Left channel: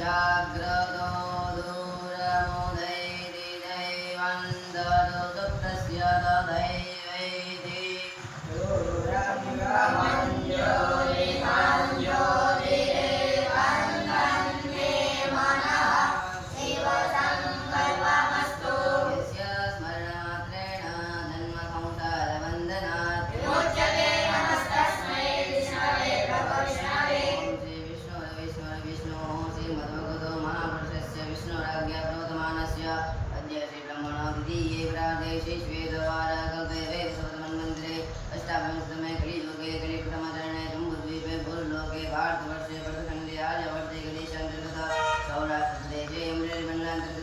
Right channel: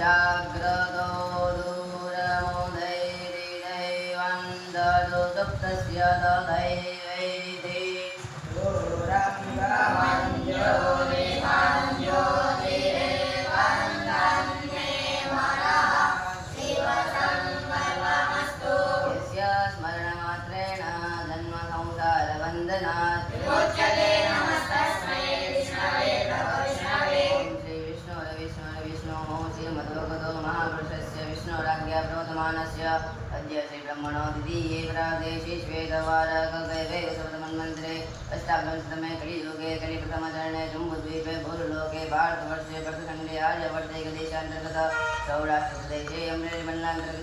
जाग्रतो दूरमुदैरिदैवन्दो दुःखस्य तदैवैति यस्य स्मरणमात्रेण जन्मसंसारबन्धनात् विमुच्यते। नमस्तस्मै विष्णवे प्रभविष्णवे। ॐ श्री विष्णुः श्रीमद्भगवतो महापुरुषस्य विष्णुराज्ञा प्रवर्तमानस्य अद्य श्रीब्रह्मणो द्वितीये प्राग्दे श्वेतवारकल्पे वैवस्वतमन्वन्तरे अष्टाविंशतमे कलियुगे कलिप्रथमचरणे जम्बूद्वीपे भूलोके भारतवर्षे भरतखण्डे आर्यवर्ते देशान्तर्गत सौराष्ट्रदेशे अमरेलिमण्डलान्तर्गत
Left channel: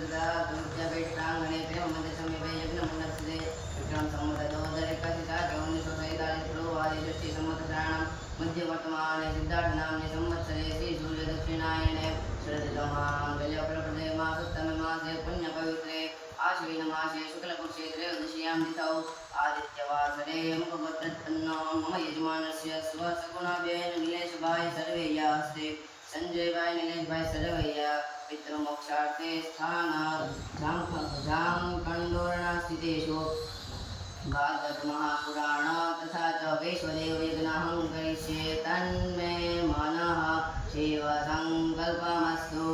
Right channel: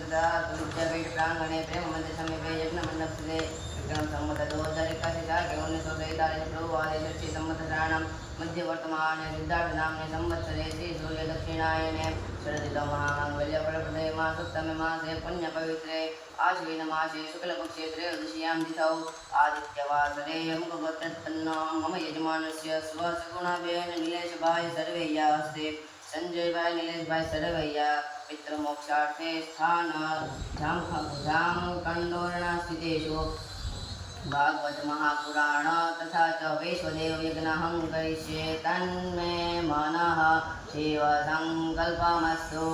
विद्यापीठप्राङ्गणे प्रेममन्दिरसमीपे यज्ञमण्डपस्थिते विक्रम संवत 2081 1943 पूर्ववादे षष्ठी संवत्सराणां मध्यवर्तमाने सिद्धार्थनाम्नि संवत्सरे श्री सूर्य दक्षिणायने शरदृतुमाङ्गल्यफलप्रदे मासोत्तमे मासे पुण्यपवित्रे आश्विनमासे शुक्लपक्षे त्रयोदश्यां तिथौ आदित्यवासरे मुखगोत्रोत्पन्नो मम यजमानस्य स्वसगुणाभ्येन नीलेशभाई सर्वैया हस्ते संजयभाई नीलेशभाई सर्वैया पितृमोक्षार्थे स्थान झांखण्डोरणास्थितेषु भागवत महापुराण तथा च वैश्वदेव यज्ञहं करिष्ये तन्मे मनः शिवसङ्कल्पमस्तु।